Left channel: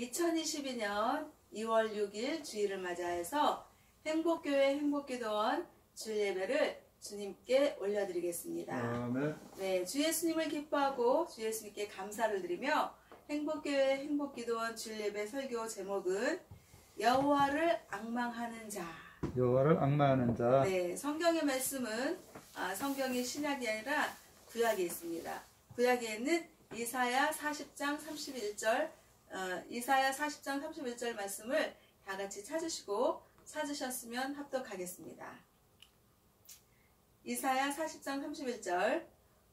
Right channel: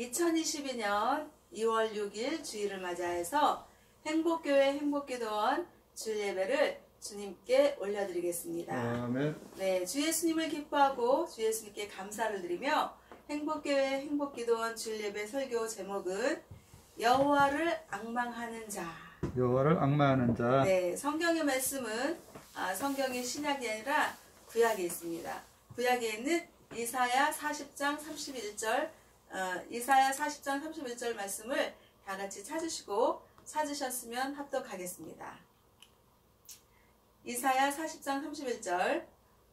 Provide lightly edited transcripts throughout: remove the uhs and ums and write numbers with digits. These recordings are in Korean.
2022년 2월 6일 주일을 맞이해서 행복교회 행복기도원 주일예배를 주님께 올려드리겠습니다. 아멘. 네, 주 예수님을 기뻐하고 주 예수님께 감사를 드리며 행복교회 행복기도원 주일예배 설교 제목은 여호와를 앙망하는 자. 여호와를 앙망하는 자. 네, 성경의 말씀은 성경의 신약이 아니라 구약에 있습니다. 구약에 있는 이사야 40장 31절 이사야 40장 31절 말씀을 다 같이 찾으시고 찾으셨으면 합독하겠습니다. 이사야 40장 31절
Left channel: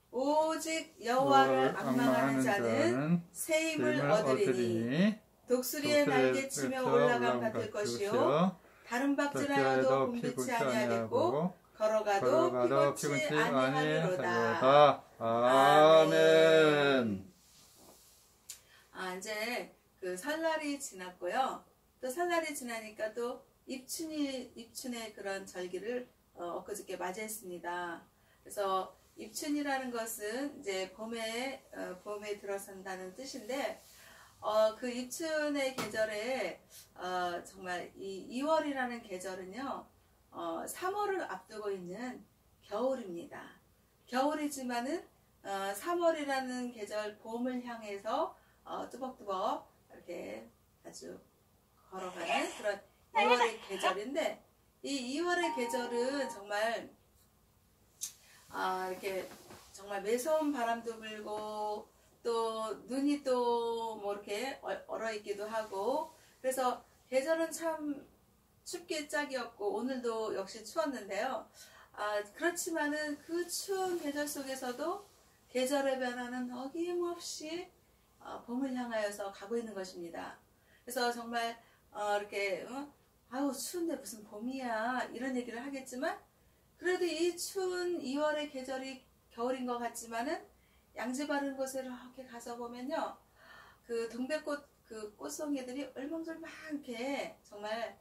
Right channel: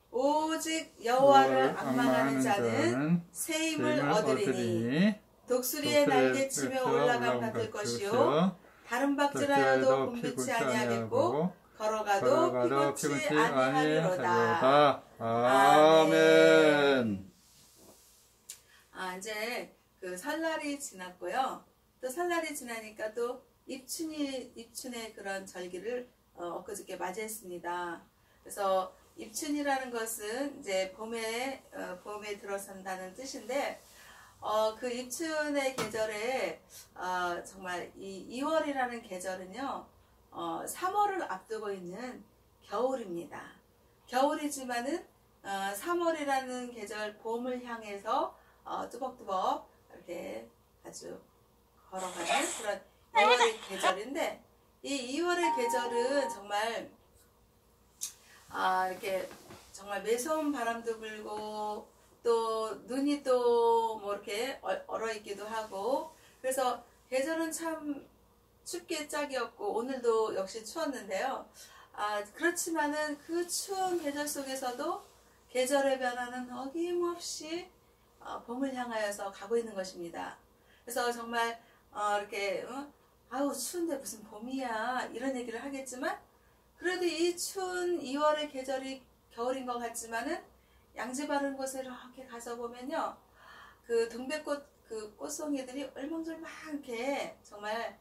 오직 여호와를 앙망하는 자는 새 힘을 얻으리니 독수리의 날개치며 올라감 같을 것이요 다른 박질하여도 곤비치 아니하겠고 걸어가도 피곤치 아니하리로다. 아멘. 이제 그 설날이 지났고요. 또 설날이 지나니까 또 입춘의 그런 절기를 엊그저께 맞이했습니다. 그래서 입춘이라는 것은 이제 봄에 들어선다는 뜻인데 그 입춘의 계절에 정말 이 2월이라는 계절은요 3월을 앞두고 있는 겨울입니다. 겨울이지만은 3월이라는 계절 봄을 향해서 뚜벅뚜벅 이렇게 아주 걸어가는 그런 2월의 계절인데 이 2월의 계절은 정말 이렇게 정말 매서운 바람도 불고 또 눈이 또 뭐 이렇게 얼어있기도 하고 그래서 계절은 참 춥게 짝이었고 오늘도 역시 추웠는데요. 그렇지만은 그 추운 계절 속에서도 계절의 변화는 어김없이 봄을 향하여서 가고 있는 것입니다. 그래서 정말 이렇게 아우 추운데 무슨 봄이야 이런 얘기를 하겠지만 그래도 이 추운 2월의 계절이 겨울인 것 같지만은 양지 바른 곳에 이렇게 가서 보면요 그 동백꽃 그 꽃송이들이 얼망졸망하게 정말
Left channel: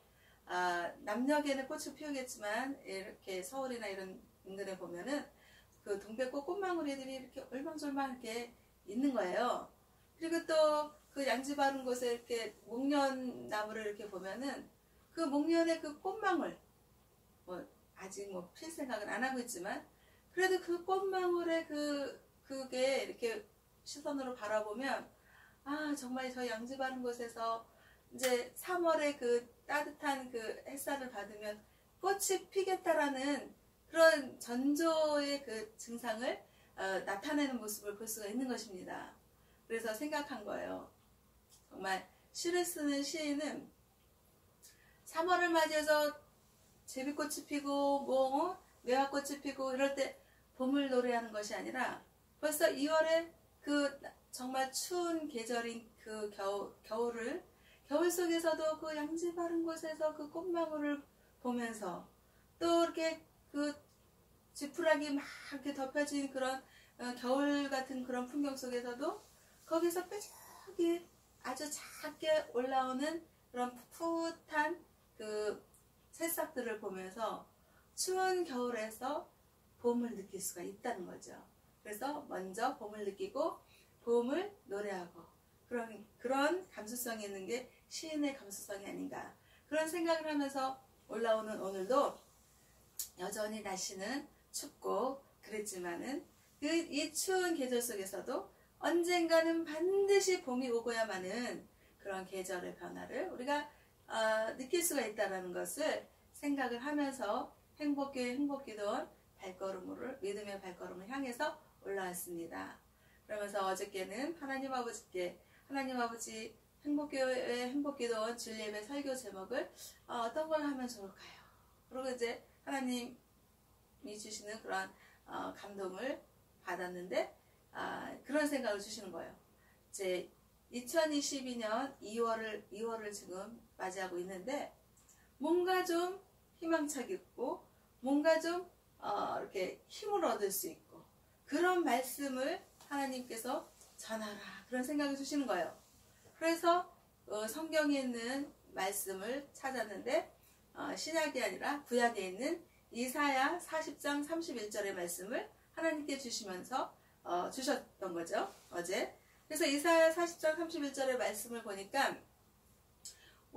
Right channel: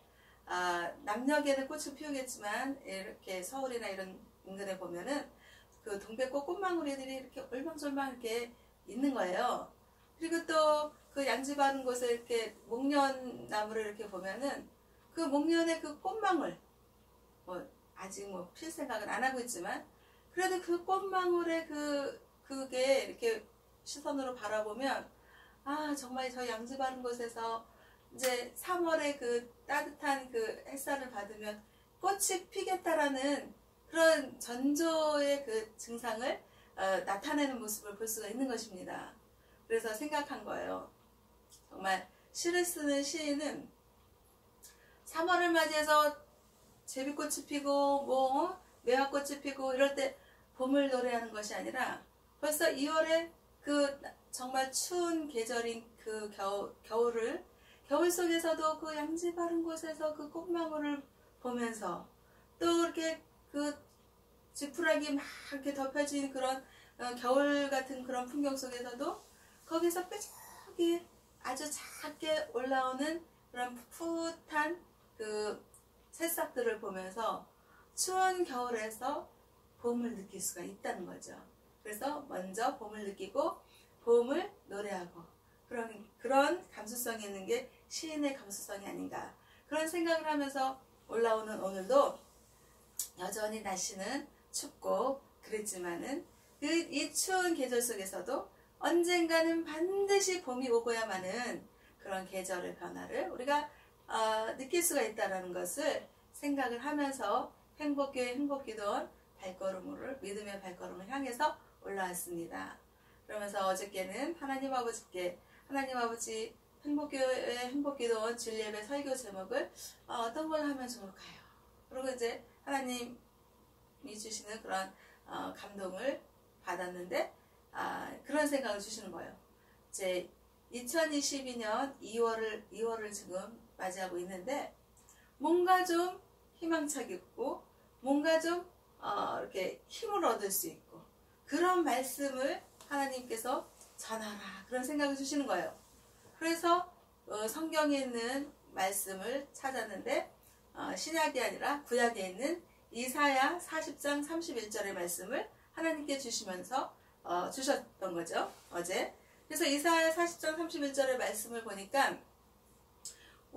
남녘에는 꽃을 피우겠지만 이렇게 서울이나 이런 인근에 보면은 그 동백꽃 꽃망울이들이 이렇게 얼망졸망하게 있는 거예요. 그리고 또 그 양지 바른 곳에 이렇게 목련 나무를 이렇게 보면은 그 목련의 그 꽃망울 아직 필 생각은 안 하고 있지만 그래도 그 꽃망울의 그게 이렇게 시선으로 바라보면 정말 저 양지 바른 곳에서 이제 3월의 그 따뜻한 그 햇살을 받으면 꽃이 피겠다라는 그런 전조의 그 증상을 나타내는 모습을 볼 수가 있는 것입니다. 그래서 생각한 거예요. 정말 시를 쓰는 시인은 3월을 맞이해서 제비꽃이 피고 매화꽃이 피고 이럴 때 봄을 노래하는 것이 아니라 벌써 2월에 그 정말 추운 계절인 그 겨울 속에서도 그 양지 바른 곳에서 그 꽃망울을 보면서 또 이렇게 그 지푸라기 막 이렇게 덮여진 그런 겨울 같은 그런 풍경 속에서도 거기서 뾰족이 아주 작게 올라오는 그런 풋풋한 그 새싹들을 보면서 추운 겨울에서 봄을 느낄 수가 있다는 거죠. 그래서 먼저 봄을 느끼고 봄을 노래하고 그런 감수성이 있는 게 시인의 감수성이 아닌가 그런 생각을 하면서 올라오는 오늘도 여전히 날씨는 춥고 그랬지만은 이 추운 계절 속에서도 언젠가는 반드시 봄이 오고야만은 그런 계절의 변화를 우리가 느낄 수가 있다는 것을 생각을 하면서 행복교회 행복기도원 믿음의 발걸음을 향해서 올라왔습니다. 그러면서 어저께는 하나님 아버지께 하나님 아버지 행복교회 행복기도원 주일예배 설교 제목을 어떤 걸 하면 좋을까요? 그리고 이제 하나님이 주시는 그런 감동을 받았는데 그런 생각을 주시는 거예요. 이제 2022년 2월을 지금 맞이하고 있는데 뭔가 좀 희망차게 있고 뭔가 좀 이렇게 힘을 얻을 수 있고 그런 말씀을 하나님께서 전하라 그런 생각을 주시는 거예요. 그래서 성경에 있는 말씀을 찾았는데 신약이 아니라 구약에 있는 이사야 40장 31절의 말씀을 하나님께 주시면서 주셨던 거죠 어제. 그래서 이사야 40장 31절의 말씀을 보니까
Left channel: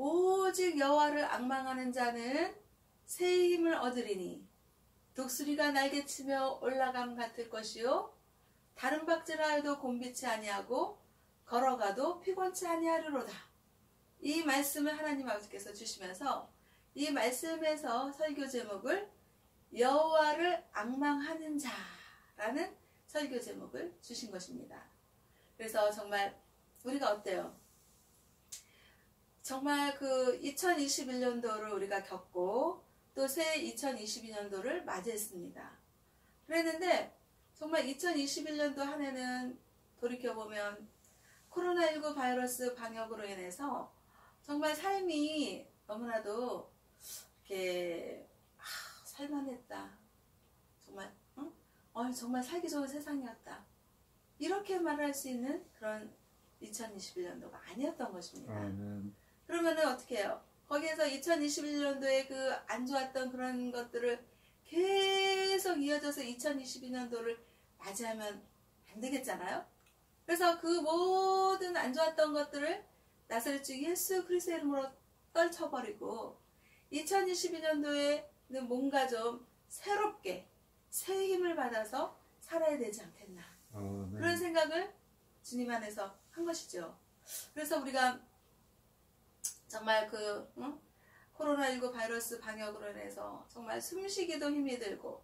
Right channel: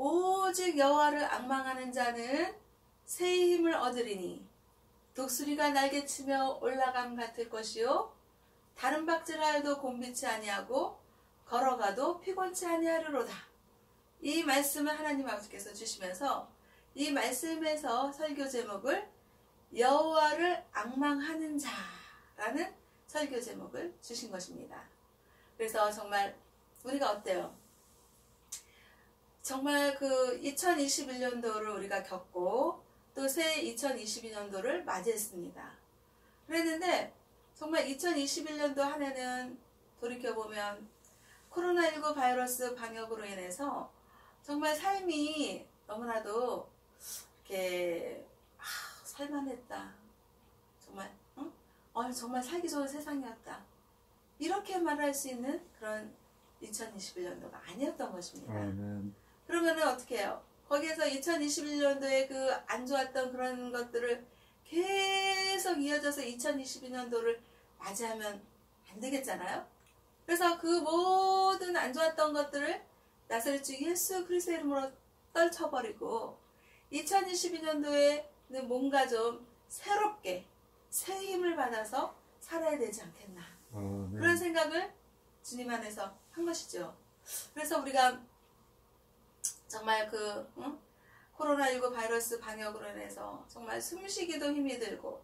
오직 여호와를 앙망하는 자는 새 힘을 얻으리니 독수리가 날개치며 올라감 같을 것이요 다른 박질하여도 곤비치 아니하고 걸어가도 피곤치 아니하리로다. 이 말씀을 하나님 아버지께서 주시면서 이 말씀에서 설교 제목을 여호와를 앙망하는 자라는 설교 제목을 주신 것입니다. 그래서 정말 우리가 어때요? 정말 그 2021년도를 우리가 겪고 또 새 2022년도를 맞이했습니다. 그랬는데 정말 2021년도 한 해는 돌이켜보면 코로나19 바이러스 방역으로 인해서 정말 삶이 너무나도 이렇게 살만했다. 정말 정말 살기 좋은 세상이었다. 이렇게 말할 수 있는 그런 2021년도가 아니었던 것입니다. 그러면은 어떻게 해요? 거기에서 2021년도에 그 안 좋았던 그런 것들을 계속 이어져서 2022년도를 맞이하면 안 되겠잖아요. 그래서 그 모든 안 좋았던 것들을 나사렛 주 예수 그리스도의 이름으로 떨쳐버리고 2022년도에는 뭔가 좀 새롭게 새 힘을 받아서 살아야 되지 않겠나. 그런 생각을 주님 안에서 한 것이죠. 그래서 우리가 정말 코로나19 바이러스 방역으로 인해서 정말 숨쉬기도 힘이 들고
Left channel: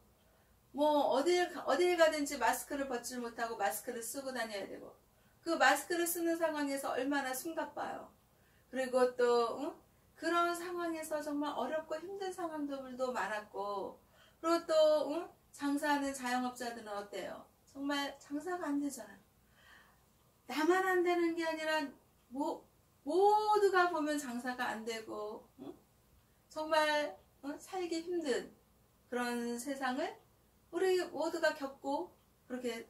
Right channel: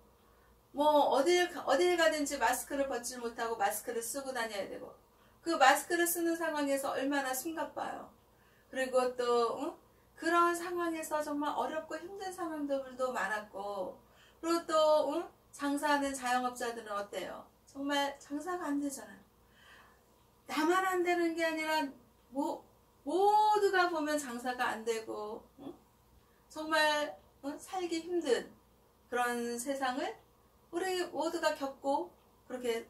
뭐 어딜 가든지 마스크를 벗지 못하고 마스크를 쓰고 다녀야 되고 그 마스크를 쓰는 상황에서 얼마나 숨가빠요. 그리고 또 그런 상황에서 정말 어렵고 힘든 상황들도 많았고 그리고 또 장사하는 자영업자들은 어때요? 정말 장사가 안 되잖아요. 나만 안 되는 게 아니라 모두가 보면 장사가 안 되고 정말 살기 힘든 그런 세상을 우리 모두가 겪고 그렇게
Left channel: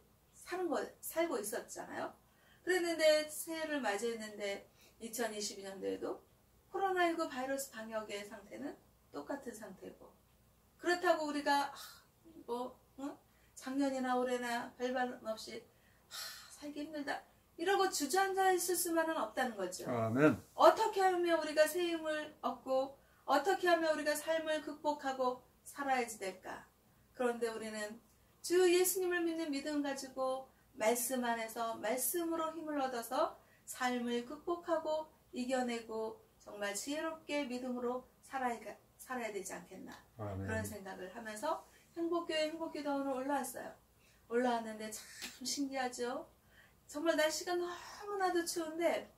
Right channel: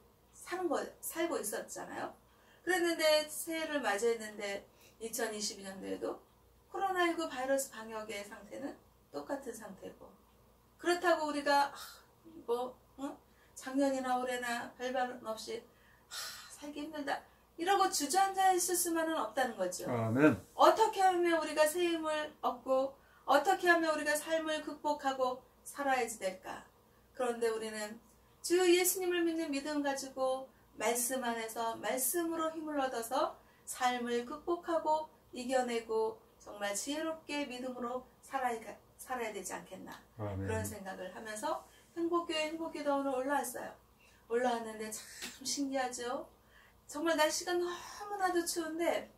살고 있었잖아요. 그랬는데 새해를 맞이했는데 2022년도에도 코로나19 바이러스 방역의 상태는 똑같은 상태고 그렇다고 우리가 작년이나 올해나 별반 없이 살기 힘들다 이러고 주저앉아 있을 수만은 없다는 거죠. 아멘. 어떻게 하면 우리가 새 힘을 얻고 어떻게 하면 우리가 삶을 극복하고 살아야지 될까? 그런데 우리는 주 예수님을 믿는 믿음 가지고 말씀 안에서 말씀으로 힘을 얻어서 삶을 극복하고 이겨내고 정말 지혜롭게 믿음으로 살아야 되지 않겠나. 아멘. 그런 생각을 하면서 행복교회 행복기도원으로 올라왔어요. 올라왔는데 참 신기하죠. 정말 날씨가 너무나도 추운데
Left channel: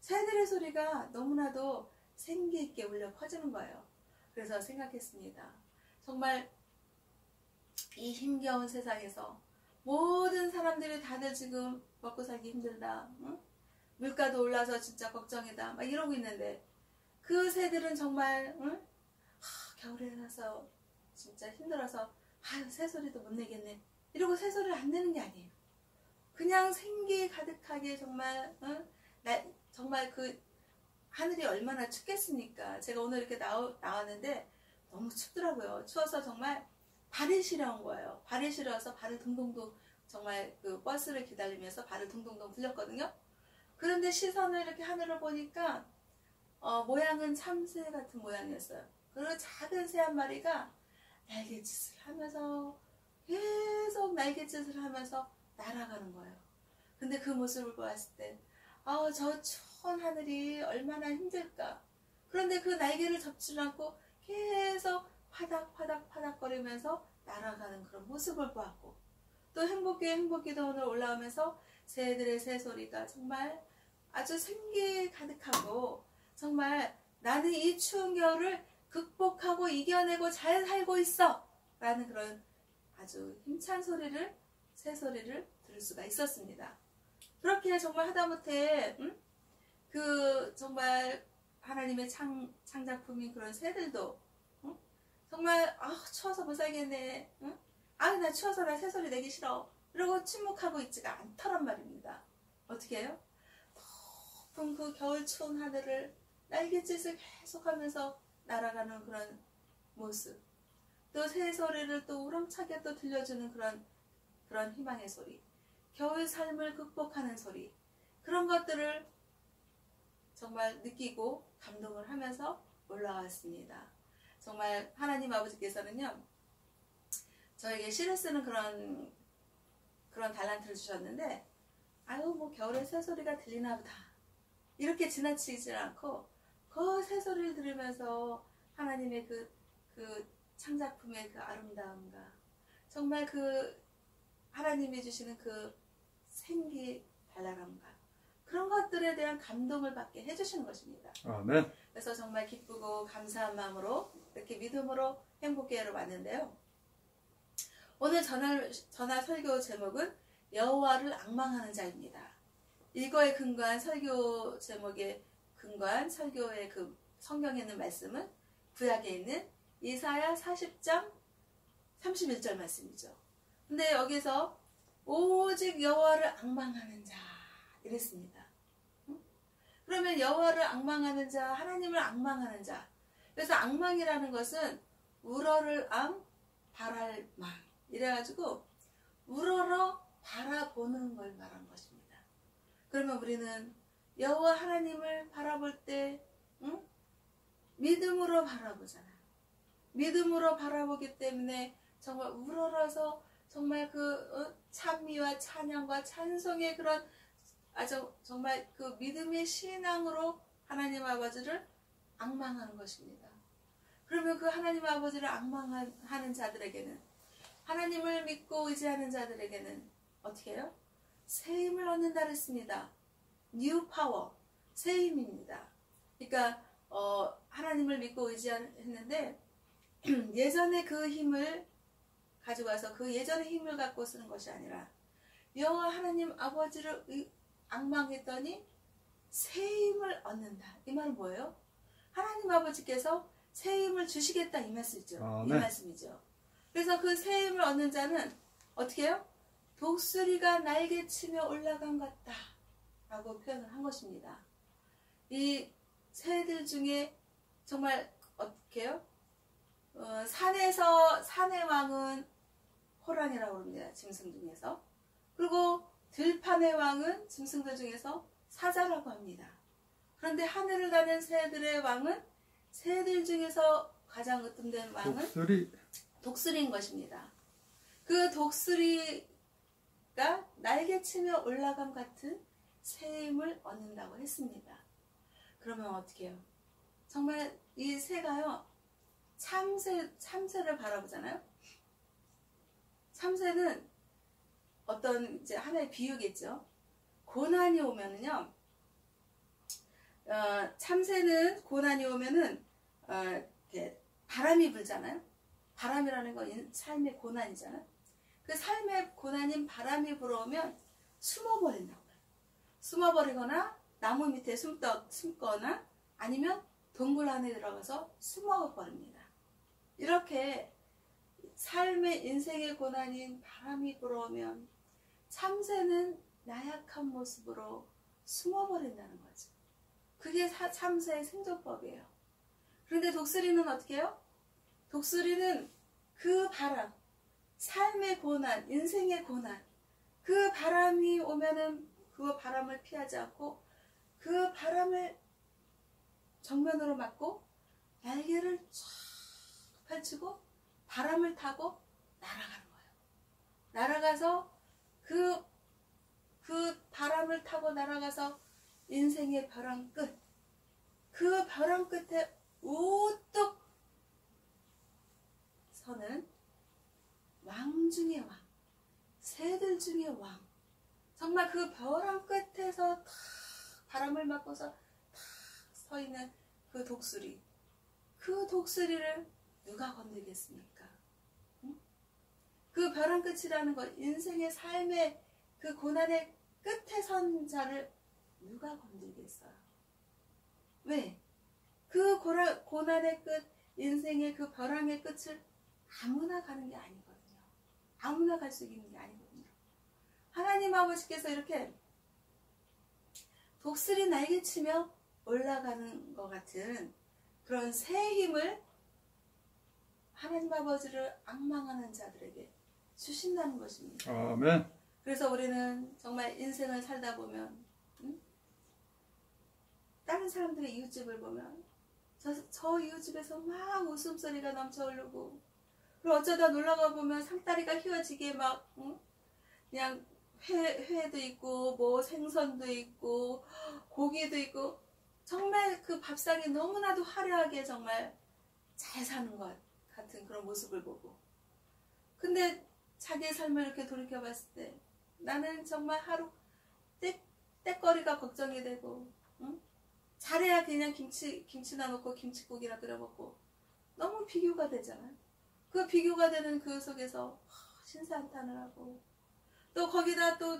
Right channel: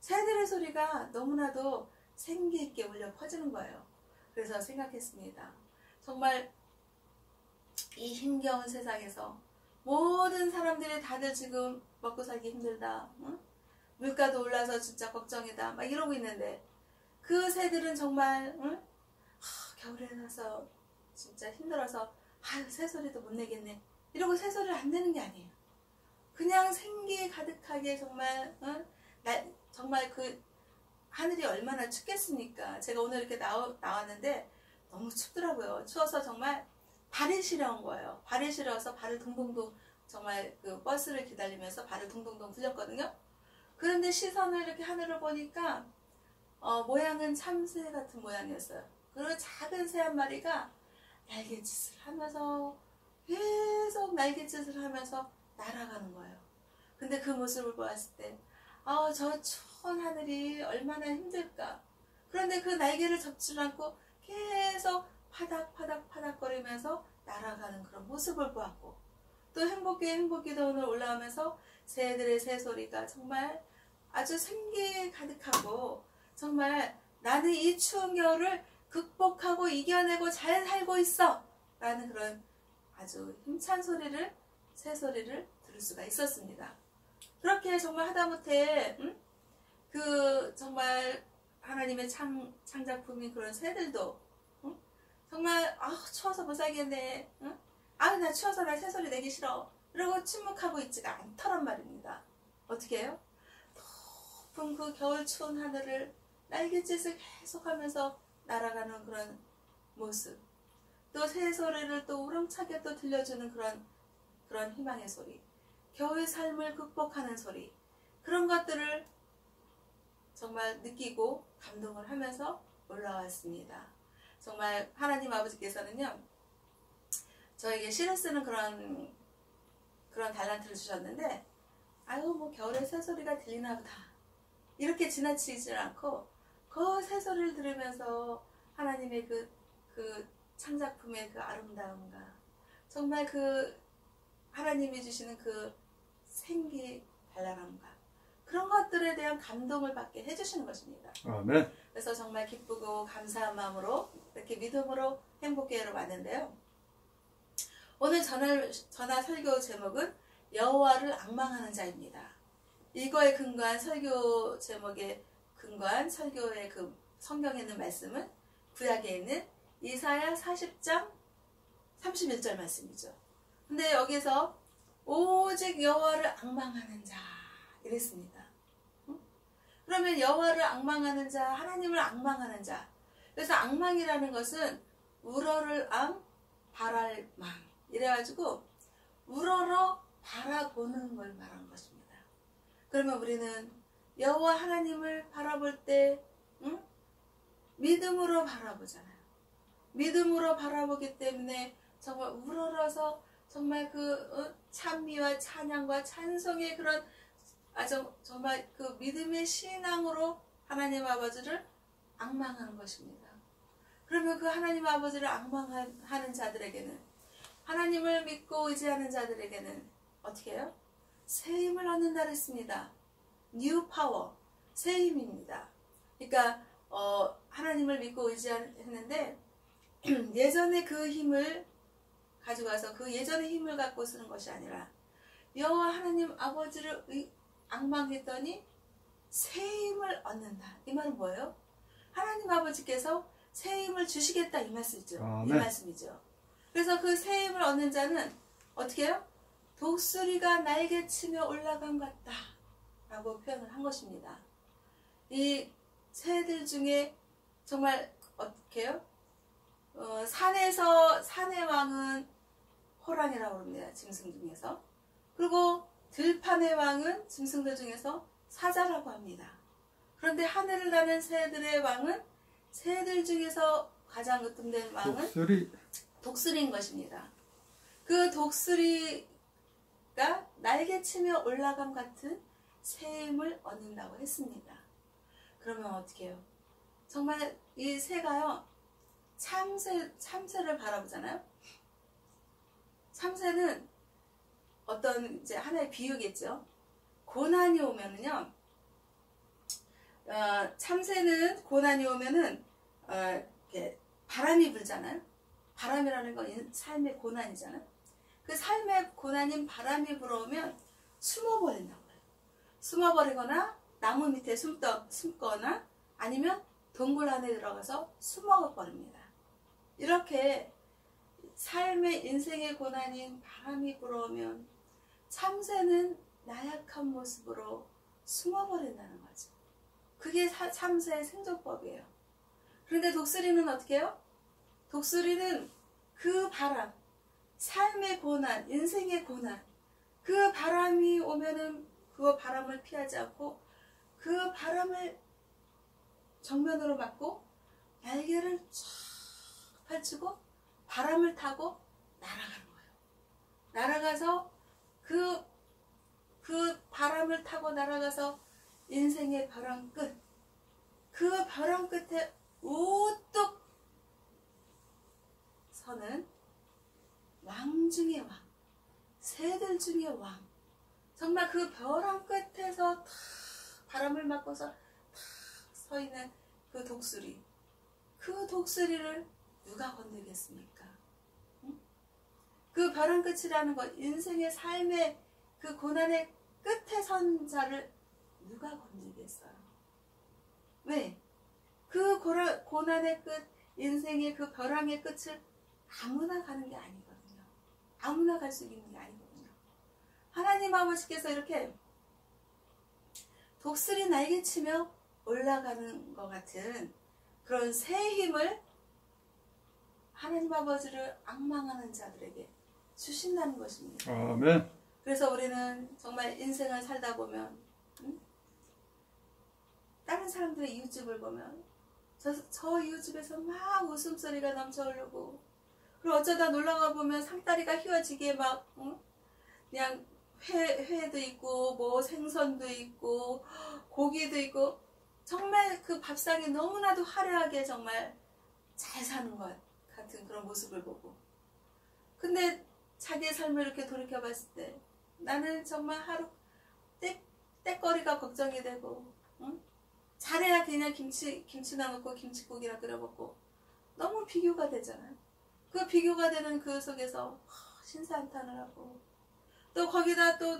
새들의 소리가 너무나도 생기있게 울려 퍼지는 거예요. 그래서 생각했습니다. 정말 이 힘겨운 세상에서 모든 사람들이 다들 지금 먹고 살기 힘들다. 물가도 올라서 진짜 걱정이다. 막 이러고 있는데 그 새들은 정말 겨울에 나서 진짜 힘들어서 새소리도 못 내겠네. 이러고 새소리를 안 내는 게 아니에요. 그냥 생기 가득하게 정말 정말 그 하늘이 얼마나 춥겠습니까? 제가 오늘 이렇게 나왔는데 너무 춥더라고요. 추워서 정말 발이 시려운 거예요. 발이 시려서 발을 둥둥둥 정말 그 버스를 기다리면서 발을 둥둥둥 굴렸거든요. 그런데 시선을 이렇게 하늘을 보니까 모양은 참새 같은 모양이었어요. 그리고 작은 새 한 마리가 날갯짓을 하면서 계속 날갯짓을 하면서 날아가는 거예요. 근데 그 모습을 보았을 때 저 추운 하늘이 얼마나 힘들까. 그런데 그 날개를 접지 않고 계속 파닥파닥 거리면서 날아가는 그런 모습을 보았고 또 행복교회 행복기도원을 올라오면서 새들의 새소리가 정말 아주 생기에 가득하고 정말 나는 이 추운 겨울을 극복하고 이겨내고 잘 살고 있어 라는 그런 아주 힘찬 소리를 새소리를 들을 수가 있었습니다. 그렇게 정말 하다못해 그 정말 하나님의 창작품인 그런 새들도 정말 추워서 못 살겠네. 나 추워서 나 새소리 내기 싫어. 이러고 침묵하고 있지가 않더란 말입니다. 어떻게 해요? 높은 그 겨울 추운 하늘을 날갯짓을 계속하면서 날아가는 그런 모습. 또 새소리를 또 우렁차게 또 들려주는 그런 희망의 소리. 겨울 삶을 극복하는 소리. 그런 것들을 정말 느끼고 감동을 하면서 올라왔습니다. 정말 하나님 아버지께서는요, 저에게 시를 쓰는 그런 달란트를 주셨는데, 아유 뭐 겨울에 새소리가 들리나 보다 이렇게 지나치지 않고 그 새소리를 들으면서 하나님의 그 창작품의 그 아름다움과 정말 그 하나님이 주시는 그 생기 발랄함과 그런 것들에 대한 감동을 받게 해주시는 것입니다. 아멘. 그래서 정말 기쁘고 감사한 마음으로 이렇게 믿음으로 행복교회로 왔는데요. 오늘 전할 설교 제목은 여호와를 앙망하는 자입니다. 이거에 근거한 설교 제목에 근거한 설교의 그 성경에 있는 말씀은 구약에 있는 이사야 40장 31절 말씀이죠. 근데 여기서 오직 여호와를 앙망하는 자 이랬습니다. 그러면 여호와를 앙망하는 자, 하나님을 앙망하는 자. 그래서 앙망이라는 것은 우러를 바랄 망 이래가지고 우러러 바라보는 걸 말하는 것입니다. 그러면 우리는 여호와 하나님을 바라볼 때 믿음으로 바라보잖아요. 믿음으로 바라보기 때문에 정말 우러러서 정말 그 찬미와 찬양과 찬송의 그런 정말 그 믿음의 신앙으로 하나님 아버지를 앙망하는 것입니다. 그러면 그 하나님 아버지를 앙망하는 자들에게는, 하나님을 믿고 의지하는 자들에게는 어떻게 해요? 새 힘을 얻는다 그랬습니다. New power, 새 힘입니다. 그러니까 하나님을 믿고 의지했는데 예전에 그 힘을 가지고 와서 그 예전의 힘을 갖고 쓰는 것이 아니라 여호와 하나님 아버지를 앙망했더니 새 힘을 얻는다. 이 말은 뭐예요? 하나님 아버지께서 새 힘을 주시겠다 이 말씀이죠. 이 말씀이죠. 그래서 그 새 힘을 얻는 자는 어떻게 해요? 독수리가 날개치며 올라간 것 같다 라고 표현을 한 것입니다. 이 새들 중에 정말 어떻게 해요? 산의 왕은 호랑이라고 합니다. 짐승 중에서. 그리고 들판의 왕은 짐승들 중에서 사자라고 합니다. 그런데 하늘을 나는 새들의 왕은 새들 중에서 가장 으뜸된 왕은 독수리인 것입니다. 그 독수리가 날개치며 올라감 같은 새 힘을 얻는다고 했습니다. 그러면 어떻게 해요? 정말 이 새가요, 참새를 바라보잖아요. 참새는 어떤 이제 하나의 비유겠죠. 고난이 오면은요, 참새는 고난이 오면은 이렇게 바람이 불잖아요. 바람이라는 건 삶의 고난이잖아요. 그 삶의 고난인 바람이 불어오면 숨어버린다고 해요. 숨어버리거나 나무 밑에 숨거나 아니면 동굴 안에 들어가서 숨어버립니다. 이렇게 삶의 인생의 고난인 바람이 불어오면 참새는 나약한 모습으로 숨어버린다는 거죠. 그게 참새의 생존법이에요. 그런데 독수리는 어떻게 해요? 독수리는 그 바람, 삶의 고난, 인생의 고난, 그 바람이 오면은 그 바람을 피하지 않고 그 바람을 정면으로 맞고 날개를 쫙 펼치고 바람을 타고 날아가는 거예요. 날아가서 그 바람을 타고 날아가서 인생의 벼랑 끝, 그 벼랑 끝에 우뚝 서는 왕 중의 왕, 새들 중의 왕, 정말 그 벼랑 끝에서 탁 바람을 맞고서 탁 서 있는 그 독수리, 그 독수리를 누가 건들겠습니까? 응? 그 벼랑 끝이라는 것, 인생의 삶의 그 고난의 끝에 선 자를 누가 건들겠어요? 왜? 그 고난의 끝, 인생의 그 벼랑의 끝을 아무나 가는 게 아니거든요. 아무나 갈 수 있는 게 아니거든요. 하나님 아버지께서 이렇게 독수리 날개치며 올라가는 것 같은 그런 새 힘을 하나님 아버지를 앙망하는 자들에게 주신다는 것입니다. 아멘. 그래서 우리는 정말 인생을 살다 보면 다른 사람들의 이웃집을 보면 저 이웃집에서 막 웃음소리가 넘쳐 흐르고, 그리고 어쩌다 놀러가 보면 상다리가 휘어지게 막 그냥 회도 있고 뭐 생선도 있고 고기도 있고, 정말 그 밥상이 너무나도 화려하게 정말 잘 사는 것 같은 그런 모습을 보고, 근데 자기의 삶을 이렇게 돌이켜 봤을 때 나는 정말 하루 때거리가 걱정이 되고, 잘해야 그냥 김치나 먹고 김치국이나 끓여 먹고, 너무 비교가 되잖아요. 그 비교가 되는 그 속에서 신사한탄을 하고, 또 거기다 또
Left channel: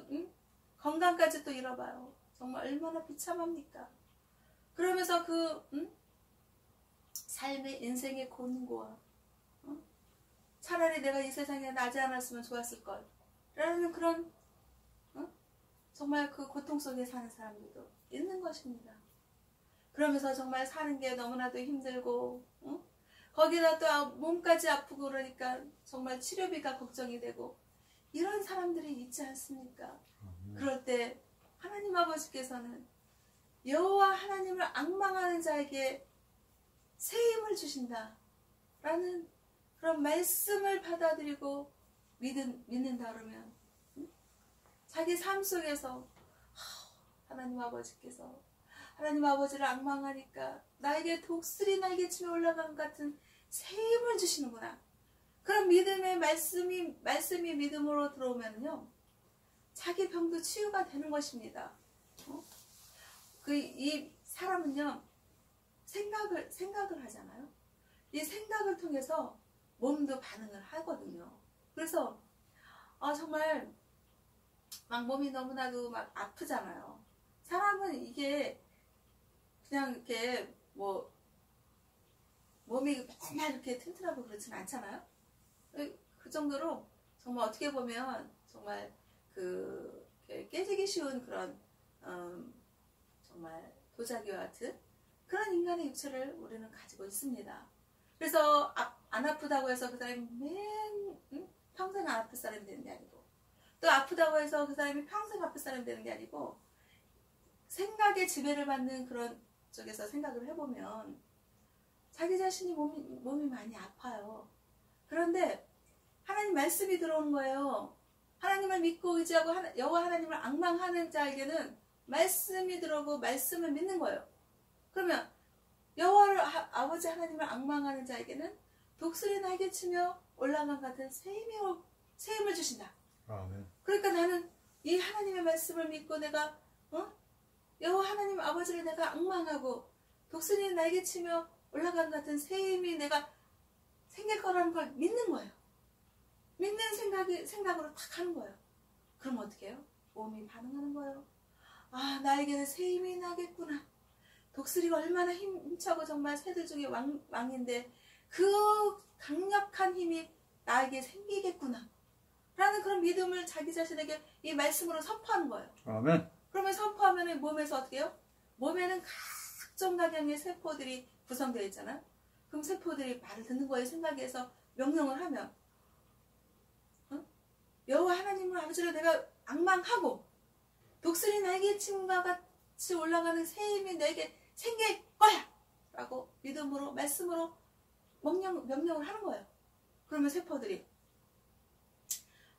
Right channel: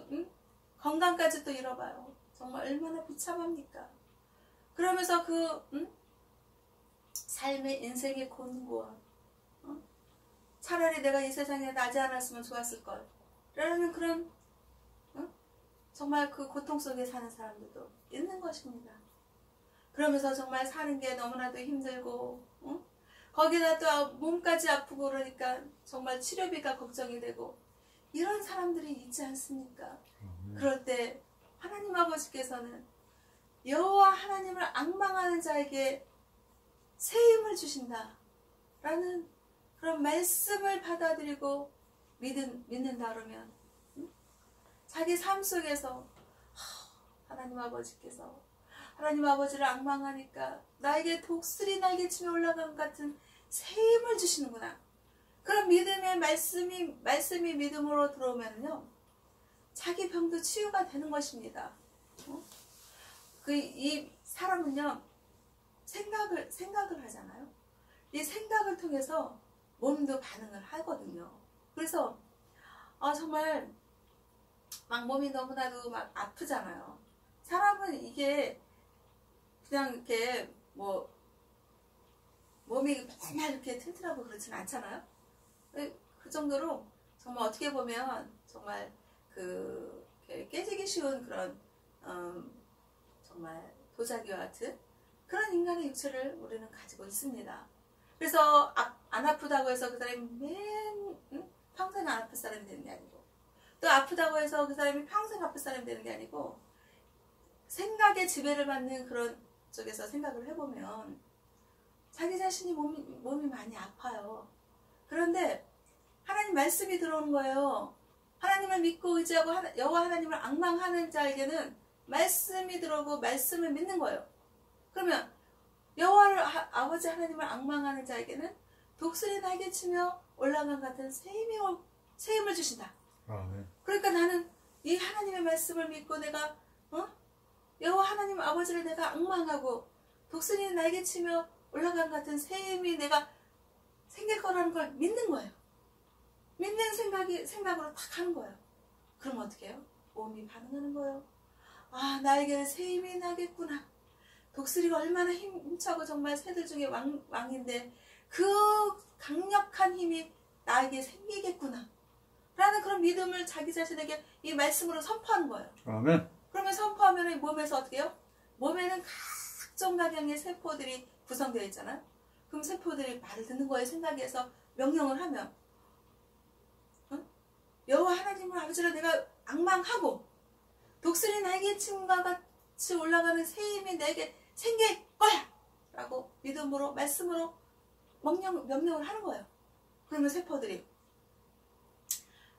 건강까지 또 잃어봐요. 정말 얼마나 비참합니까? 그러면서 그 삶의 인생의 곤고함, 차라리 내가 이 세상에 나지 않았으면 좋았을걸 라는 그런 정말 그 고통 속에 사는 사람들도 있는 것입니다. 그러면서 정말 사는 게 너무나도 힘들고, 거기다 또 몸까지 아프고 그러니까 정말 치료비가 걱정이 되고, 이런 사람들이 있지 않습니까? 그럴 때 하나님 아버지께서는 여호와 하나님을 앙망하는 자에게 새 힘을 주신다 라는 그런 말씀을 받아들이고 믿는다 그러면, 자기 삶 속에서 하나님 아버지께서, 하나님 아버지를 앙망하니까 나에게 독수리 날개치며 올라간 같은 새 힘을 주시는구나. 그런 믿음의 말씀이 믿음으로 들어오면요, 자기 병도 치유가 되는 것입니다. 이 사람은요, 생각을 하잖아요. 이 생각을 통해서 몸도 반응을 하거든요. 그래서 정말 막 몸이 너무나도 막 아프잖아요. 사람은 이게 그냥 이렇게 뭐 몸이 맨날 이렇게 튼튼하고 그렇지는 않잖아요. 그 정도로 정말 어떻게 보면 정말 그 깨지기 쉬운 그런 정말 도자기와 같은 그런 인간의 육체를 우리는 가지고 있습니다. 그래서 안 아프다고 해서 그 사람이 평생 안 아플 사람이 되는 게 아니고, 또 아프다고 해서 그 사람이 평생 아플 사람이 되는 게 아니고, 생각에 지배를 받는 그런 쪽에서 생각을 해보면 자기 자신이 몸이 많이 아파요. 그런데 하나님 말씀이 들어오는 거예요. 하나님을 믿고 의지하고 여호와 하나님을 앙망하는 자에게는 말씀이 들어오고 말씀을 믿는 거예요. 그러면 여호와 아버지 하나님을 앙망하는 자에게는 독수리 날개치며 올라간 같은 새 힘을 주신다. 네. 그러니까 나는 이 하나님의 말씀을 믿고 내가 여호와 하나님 아버지를 내가 앙망하고 독수리 날개치며 올라간 같은 새 힘이 내가 생길 거라는 걸 믿는 거예요. 믿는 생각으로 딱 하는 거예요. 그럼 어떻게 해요? 몸이 반응하는 거예요. 나에게는 새 힘이 나겠구나. 독수리가 얼마나 힘차고 정말 새들 중에 왕인데 그 강력한 힘이 나에게 생기겠구나 라는 그런 믿음을 자기 자신에게 이 말씀으로 선포하는 거예요. 아멘. 그러면 선포하면 몸에서 어떻게 해요? 몸에는 각종 각양의 세포들이 구성되어 있잖아요. 그럼 세포들이 말을 듣는 거에 생각해서 명령을 하면 여호와 하나님을 아버지를 내가 앙망하고 독수리 날개침과 같이 올라가는 새 힘이 내게 생길 거야 라고 믿음으로 말씀으로 명령을 하는 거예요. 그러면 세포들이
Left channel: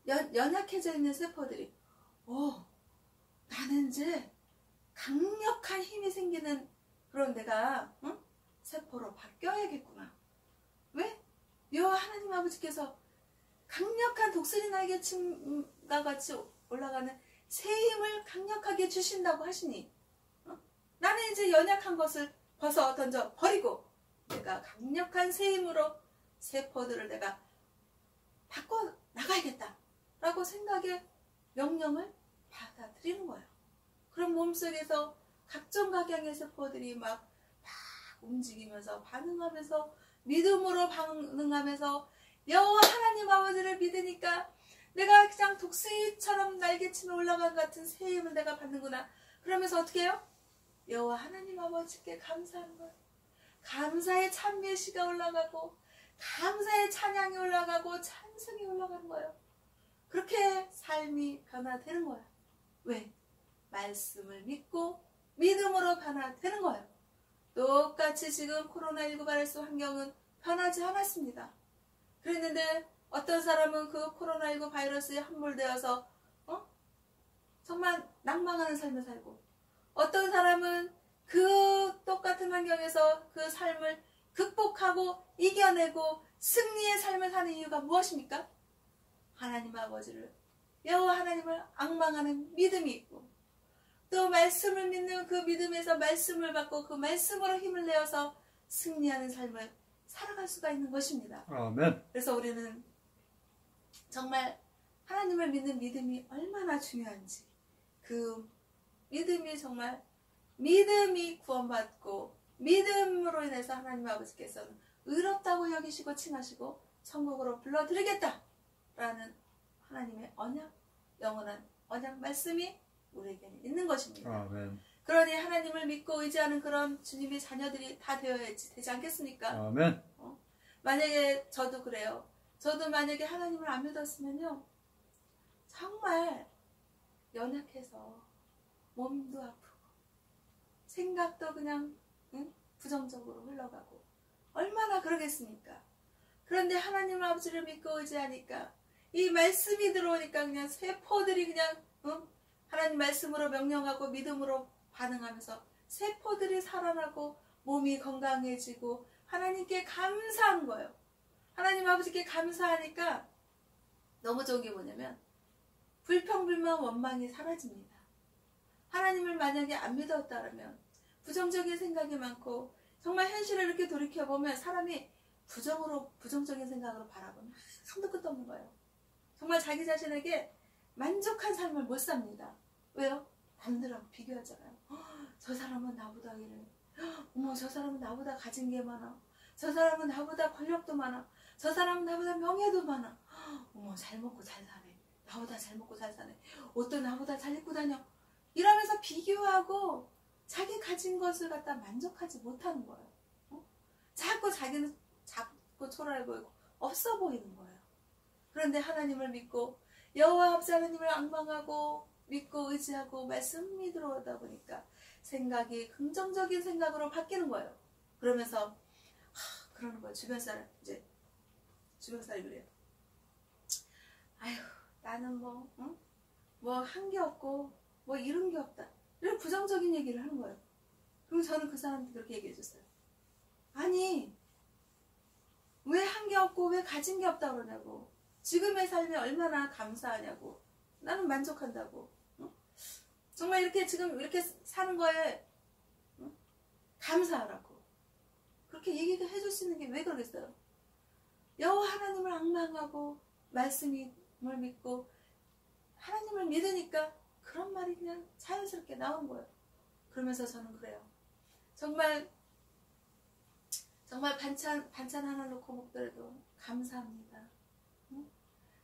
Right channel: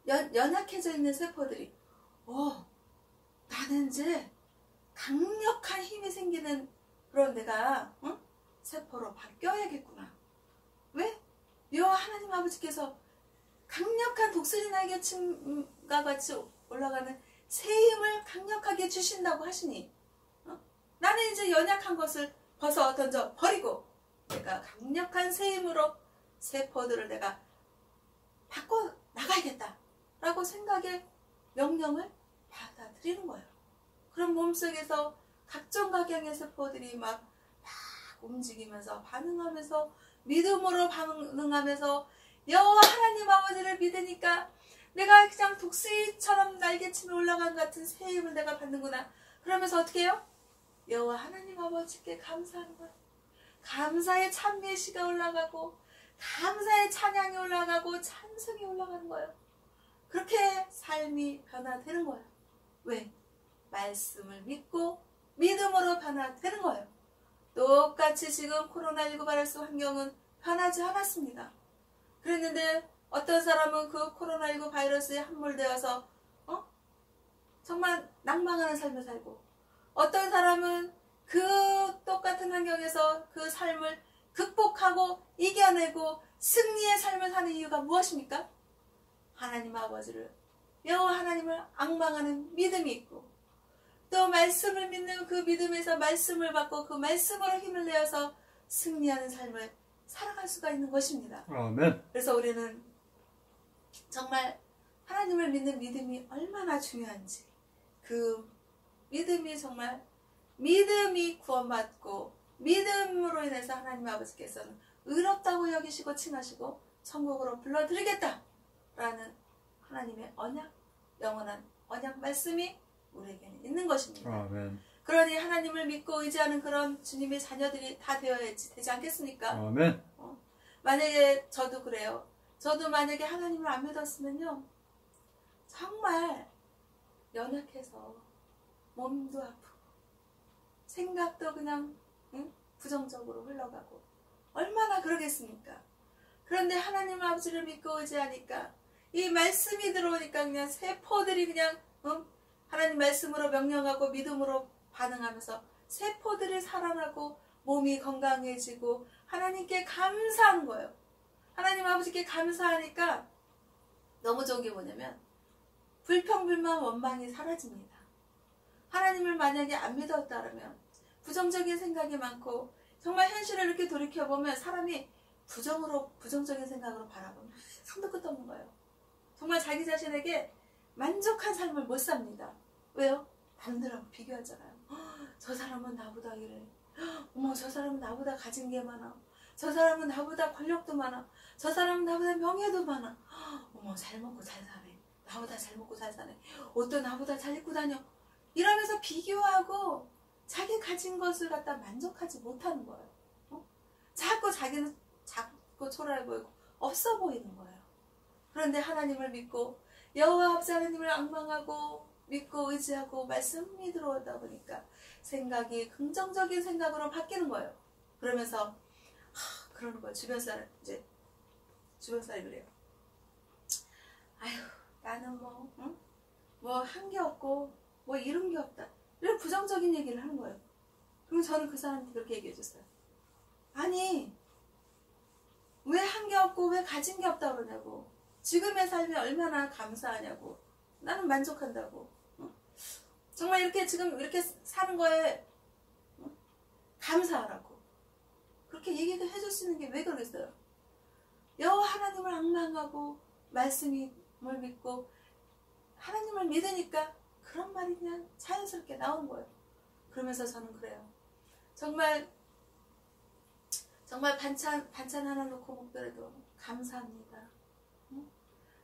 연약해져 있는 세포들이 나는 이제 강력한 힘이 생기는 그런 내가 세포로 바뀌어야겠구나. 왜? 여호와 하나님 아버지께서 강력한 독수리 날개침과 같이 올라가는 새 힘을 강력하게 주신다고 하시니 나는 이제 연약한 것을 벗어 던져 버리고 내가 강력한 새 힘으로 세포들을 내가 바꿔 나가야겠다 라고 생각의 명령을 받아들이는 거예요. 그럼 몸속에서 각종 각양의 세포들이 막 움직이면서 반응하면서 믿음으로 반응하면서 여호와 하나님 아버지를 믿으니까 내가 그냥 독수리처럼 날개치며 올라간 같은 새 힘을 내가 받는구나. 그러면서 어떻게 해요? 여호와 하나님 아버지께 감사하는 거예요. 감사의 찬미시가 올라가고 감사의 찬양이 올라가고 찬송이 올라가는 거예요. 그렇게 삶이 변화되는 거예요. 왜? 말씀을 믿고 믿음으로 변화되는 거예요. 똑같이 지금 코로나19 바이러스 환경은 변하지 않았습니다. 그랬는데 어떤 사람은 그 코로나19 바이러스에 함몰되어서 정말 낭망하는 삶을 살고, 어떤 사람은 그 똑같은 환경에서 그 삶을 극복하고 이겨내고 승리의 삶을 사는 이유가 무엇입니까? 하나님 아버지를, 여호와 하나님을 앙망하는 믿음이 있고, 또 말씀을 믿는 그 믿음에서 말씀을 받고 그 말씀으로 힘을 내어서 승리하는 삶을 살아갈 수가 있는 것입니다. 아멘. 그래서 우리는 정말 하나님을 믿는 믿음이 얼마나 중요한지, 그 믿음이 정말 믿음이 구원받고 믿음으로 인해서 하나님 아버지께서는 의롭다고 여기시고 칭하시고 천국으로 불러드리겠다라는 하나님의 언약, 영원한 언약 말씀이 우리에게는 있는 것입니다. 아멘. 그러니 하나님을 믿고 의지하는 그런 주님의 자녀들이 다 되지 않겠습니까? 아멘. 만약에 저도 그래요. 저도 만약에 하나님을 안 믿었으면요, 정말 연약해서 몸도 아프고 생각도 그냥 부정적으로 흘러가고 얼마나 그러겠습니까? 그런데 하나님 아버지를 믿고 의지하니까 이 말씀이 들어오니까 그냥 세포들이 그냥 하나님 말씀으로 명령하고 믿음으로 반응하면서 세포들이 살아나고 몸이 건강해지고 하나님께 감사한 거예요. 하나님 아버지께 감사하니까 너무 좋은 게 뭐냐면 불평불만 원망이 사라집니다. 하나님을 만약에 안 믿었다면 부정적인 생각이 많고, 정말 현실을 이렇게 돌이켜보면 사람이 부정적인 생각으로 바라보면 한도 끝도 없는 거예요. 정말 자기 자신에게 만족한 삶을 못 삽니다. 왜요? 남들하고 비교하잖아요. 저 사람은 나보다 이래. 어머, 저 사람은 나보다 가진 게 많아. 저 사람은 나보다 권력도 많아. 저 사람은 나보다 명예도 많아. 어머, 잘 먹고 잘 사네. 나보다 잘 먹고 잘 사네. 옷도 나보다 잘 입고 다녀. 이러면서 비교하고 자기 가진 것을 갖다 만족하지 못하는 거예요. 자꾸 자기는 작고 초라해 보이고 없어 보이는 거예요. 그런데 하나님을 믿고 여호와 아버지 하나님을 앙망하고 믿고 의지하고 말씀이 들어오다 보니까 생각이 긍정적인 생각으로 바뀌는 거예요. 그러면서 그러는 거예요. 주변 사람이 그래요. 아휴, 나는 뭐 한 게 없고 뭐 이룬 게 없다. 이런 부정적인 얘기를 하는 거예요. 그럼 저는 그 사람한테 그렇게 얘기해 줬어요. 아니, 왜 한 게 없고 왜 가진 게 없다고 그러냐고. 지금의 삶이 얼마나 감사하냐고. 나는 만족한다고. 정말 이렇게 지금 이렇게 사는 거에 감사하라고. 그렇게 얘기를 해줄 수 있는 게 왜 그러겠어요? 여호와 하나님을 앙망하고 말씀을 믿고 하나님을 믿으니까 그런 말이 그냥 자연스럽게 나오는 거예요. 그러면서 저는 그래요. 정말 반찬 하나 놓고 먹더라도 감사합니다.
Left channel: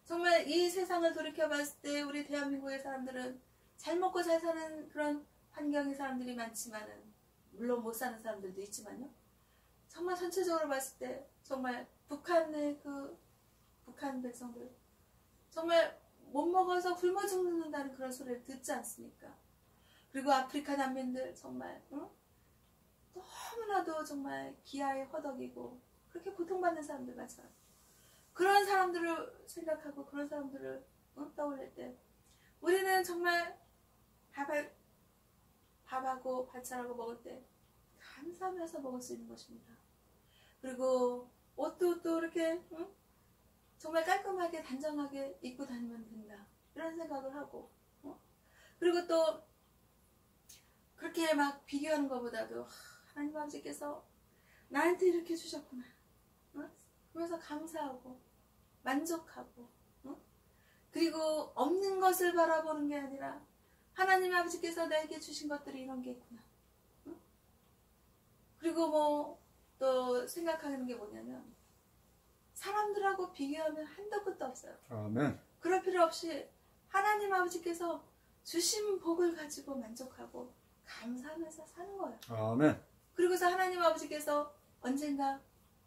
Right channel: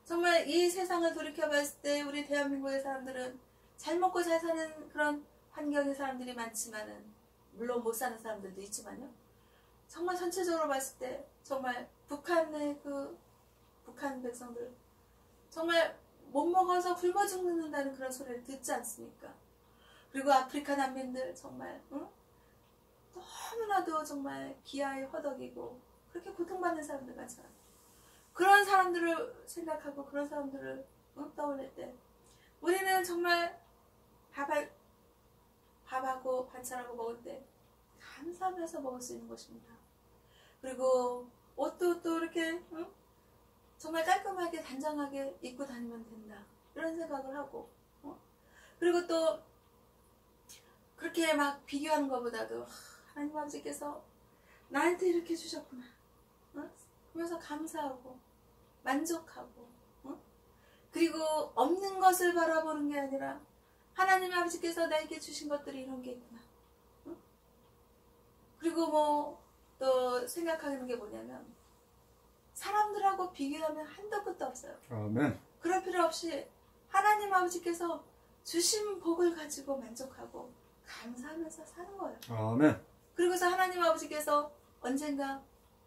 정말 이 세상을 돌이켜봤을 때 우리 대한민국의 사람들은 잘 먹고 잘 사는 그런 환경의 사람들이 많지만은, 물론 못 사는 사람들도 있지만요. 정말 전체적으로 봤을 때 정말 북한의 북한 백성들 정말 못 먹어서 굶어 죽는다는 그런 소리를 듣지 않습니까? 그리고 아프리카 난민들 정말 너무나도 정말 기아에 허덕이고 그렇게 고통받는 사람들 많잖아요. 그런 사람들을 생각하고 그런 사람들을 떠올릴 때 우리는 정말 밥하고 반찬하고 먹을 때 감사하면서 먹을 수 있는 것입니다. 그리고 옷도 또 이렇게 정말 깔끔하게 단정하게 입고 다니면 된다, 이런 생각을 하고 그리고 또 그렇게 막 비교하는 것보다도 하나님 아버지께서 나한테 이렇게 주셨구나, 그러면서 감사하고 만족하고 그리고 없는 것을 바라보는 게 아니라 하나님 아버지께서 나에게 주신 것들이 이런 게 있구나. 그리고 뭐 또 생각하는 게 뭐냐면 사람들하고 비교하면 한도 끝도 없어요. 아멘. 그럴 필요 없이 하나님 아버지께서 주신 복을 가지고 만족하고 감사하면서 사는 거예요. 아멘. 그리고서 하나님 아버지께서 언젠가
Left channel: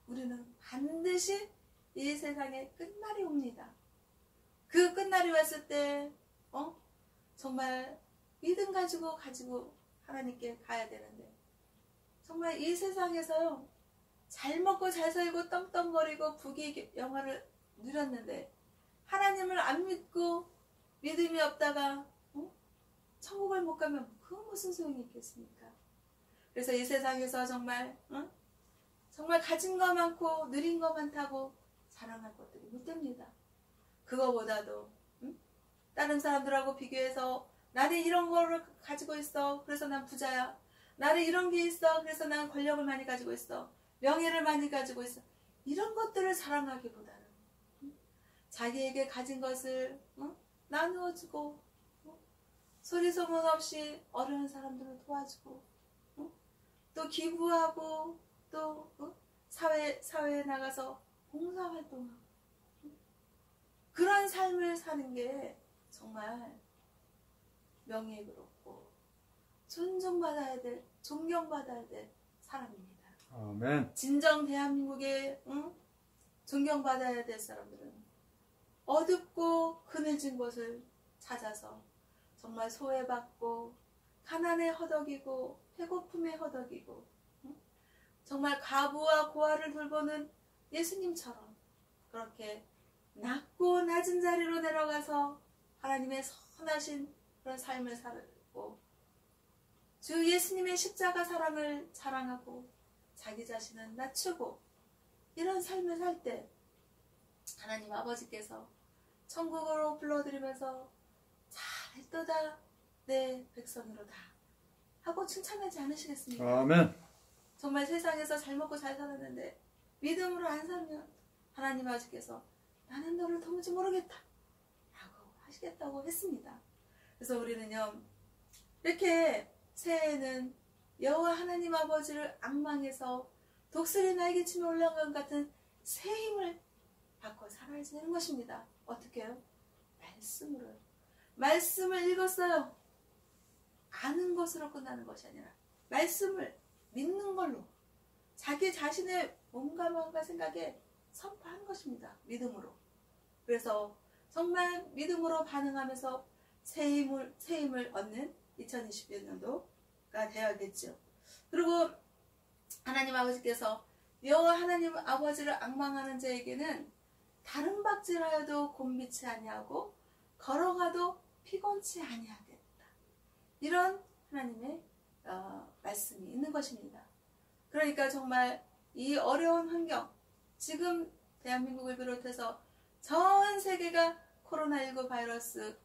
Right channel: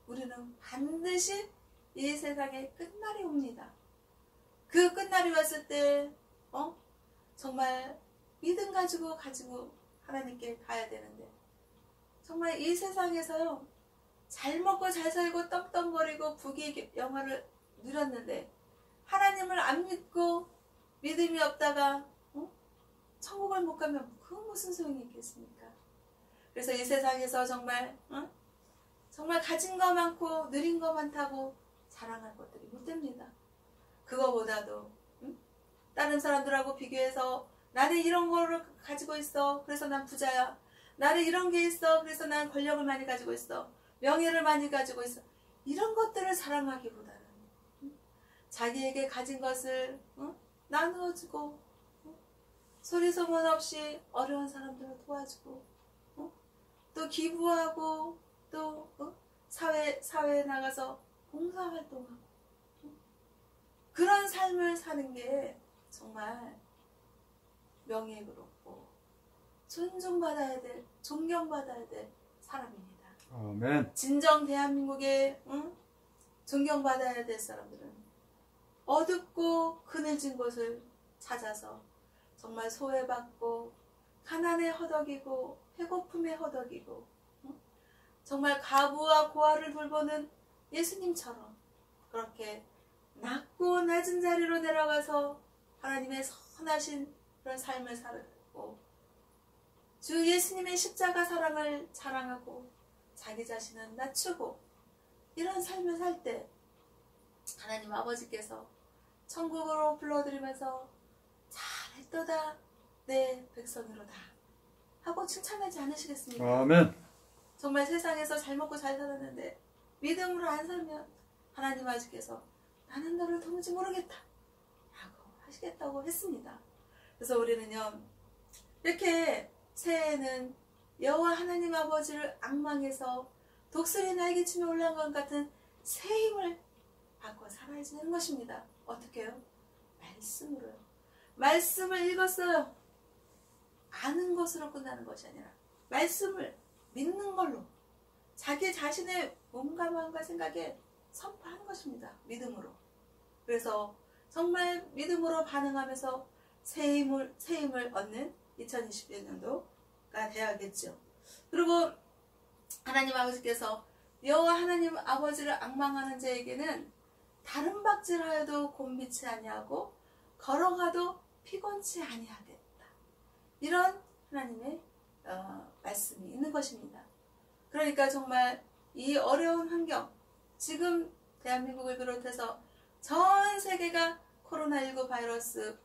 우리는 반드시 이 세상에 끝날이 옵니다. 그 끝날이 왔을 때 정말 믿음 가지고 하나님께 가야 되는데 정말 정말 이 세상에서요, 잘 먹고 잘 살고 떵떵거리고 부귀 영화를 누렸는데 하나님을 안 믿고 믿음이 없다가 천국을 못 가면 그 무슨 소용이 있겠습니까? 그래서 이 세상에서 정말 정말 가진 거 많고 누린 거 많다고 자랑할 것들이 못 됩니다. 그거보다도 다른 사람들하고 비교해서 나는 이런 거를 가지고 있어, 그래서 난 부자야. 나는 이런 게 있어, 그래서 난 권력을 많이 가지고 있어, 명예를 많이 가지고 있어, 이런 것들을 자랑하기보다는 자기에게 가진 것을 나누어주고 소리 소문 없이 어려운 사람들을 도와주고 또 기부하고 또 사회에 나가서 봉사활동하고 그런 삶을 사는 게 정말 명예롭고 존중받아야 될, 존경받아야 될 사람입니다. 아멘. 진정 대한민국의 존경받아야 될 사람들은 어둡고 그늘진 곳을 찾아서 정말 소외받고 가난에 허덕이고 배고픔에 허덕이고 정말 가부와 고아를 돌보는 예수님처럼 그렇게 낮고 낮은 자리로 내려가서 하나님의 선하신 그런 삶을 살고 주 예수님의 십자가 사랑을 자랑하고 자기 자신은 낮추고 이런 삶을 살 때 하나님 아버지께서 천국으로 불러들이면서 잘했도다 내 백성이로다 하고 칭찬하지 않으시겠습니까? 아멘. 정말 세상에서 잘 먹고 잘 살았는데 믿음으로 안 살면 하나님 아버지께서 나는 너를 도무지 모르겠다 라고 하시겠다고 했습니다. 그래서 우리는요, 이렇게 새해에는 여호와 하나님 아버지를 앙망해서 독수리 날개치며 올라간 것 같은 새 힘을 받고 살아야 되는 것입니다. 어떻게 해요? 말씀으로요. 말씀을 읽었어요. 아는 것으로 끝나는 것이 아니라 말씀을 믿는 걸로 자기 자신의 몸과 마음과 생각에 선포하는 것입니다. 믿음으로. 그래서 정말 믿음으로 반응하면서 새 힘을 얻는 2021년도가 되어야겠죠. 그리고 하나님 아버지께서 여호와 하나님 아버지를 앙망하는 자에게는 다른 박질하여도 곤비치 아니하고 걸어가도 피곤치 아니하겠다. 이런 하나님의 말씀이 있는 것입니다. 그러니까 정말 이 어려운 환경, 지금 대한민국을 비롯해서 전 세계가 코로나19 바이러스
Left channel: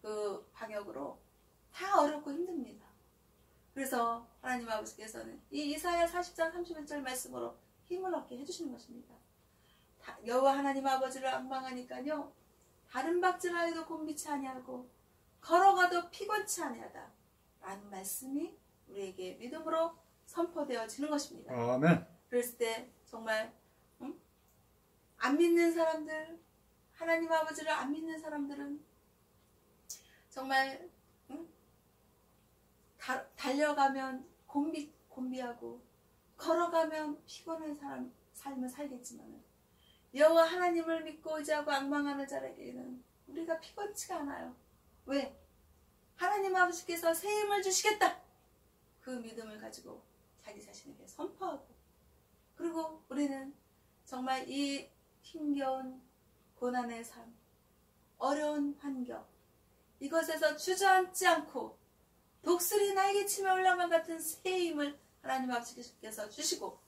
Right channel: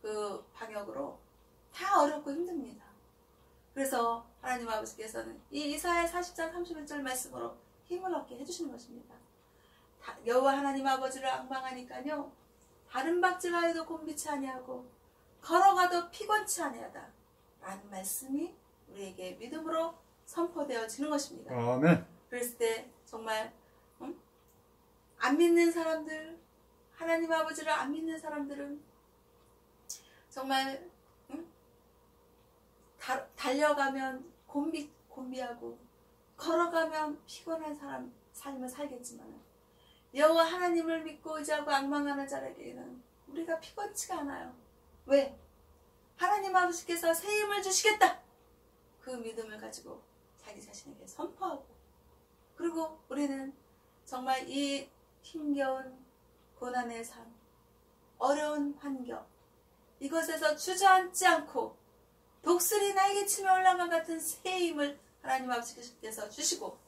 그 방역으로 다 어렵고 힘듭니다. 그래서 하나님 아버지께서는 이 이사야 40장 31절 말씀으로 힘을 얻게 해주시는 것입니다. 여호와 하나님 아버지를 앙망하니까요, 다른 박질하여도 곤비치 아니하고 걸어가도 피곤치 아니하다 라는 말씀이 우리에게 믿음으로 선포되어지는 것입니다. 아멘. 그랬을 때 정말 안 믿는 사람들, 하나님 아버지를 안 믿는 사람들은 정말 달려가면 곤비하고 걸어가면 피곤한 삶을 살겠지만 여호와 하나님을 믿고 의지하고 앙망하는 자에게는 우리가 피곤치가 않아요. 왜? 하나님 아버지께서 새 힘을 주시겠다. 그 믿음을 가지고 자기 자신에게 선포하고, 그리고 우리는 정말 이 힘겨운 고난의 삶, 어려운 환경, 이것에서 주저앉지 않고 독수리 날개치며 올라간 같은 새 힘을 하나님 아버지께서 주시고,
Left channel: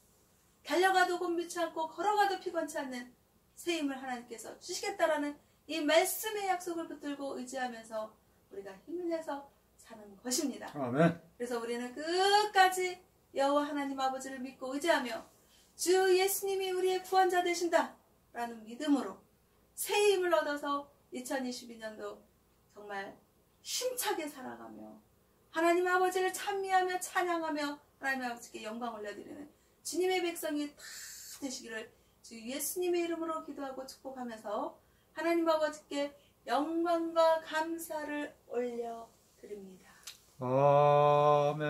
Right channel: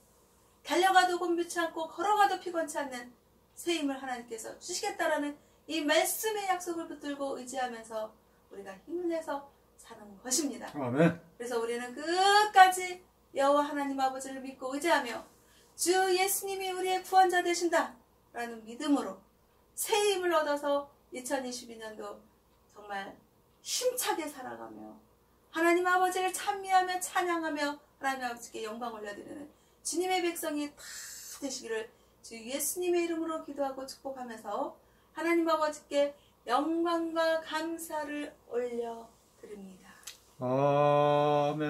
달려가도 곤비치 않고 걸어가도 피곤치 않는 새 힘을 하나님께서 주시겠다라는 이 말씀의 약속을 붙들고 의지하면서 우리가 힘을 내서 사는 것입니다. 아멘. 그래서 우리는 끝까지 여호와 하나님 아버지를 믿고 의지하며 주 예수님이 우리의 구원자 되신다 라는 믿음으로 새 힘을 얻어서 2022년도 정말 힘차게 살아가며 하나님 아버지를 찬미하며 찬양하며 하나님 아버지께 영광 올려드리는 주님의 백성이 다 되시기를 주 예수님의 이름으로 기도하고 축복하면서 하나님 아버지께 영광과 감사를 올려드립니다. 아멘.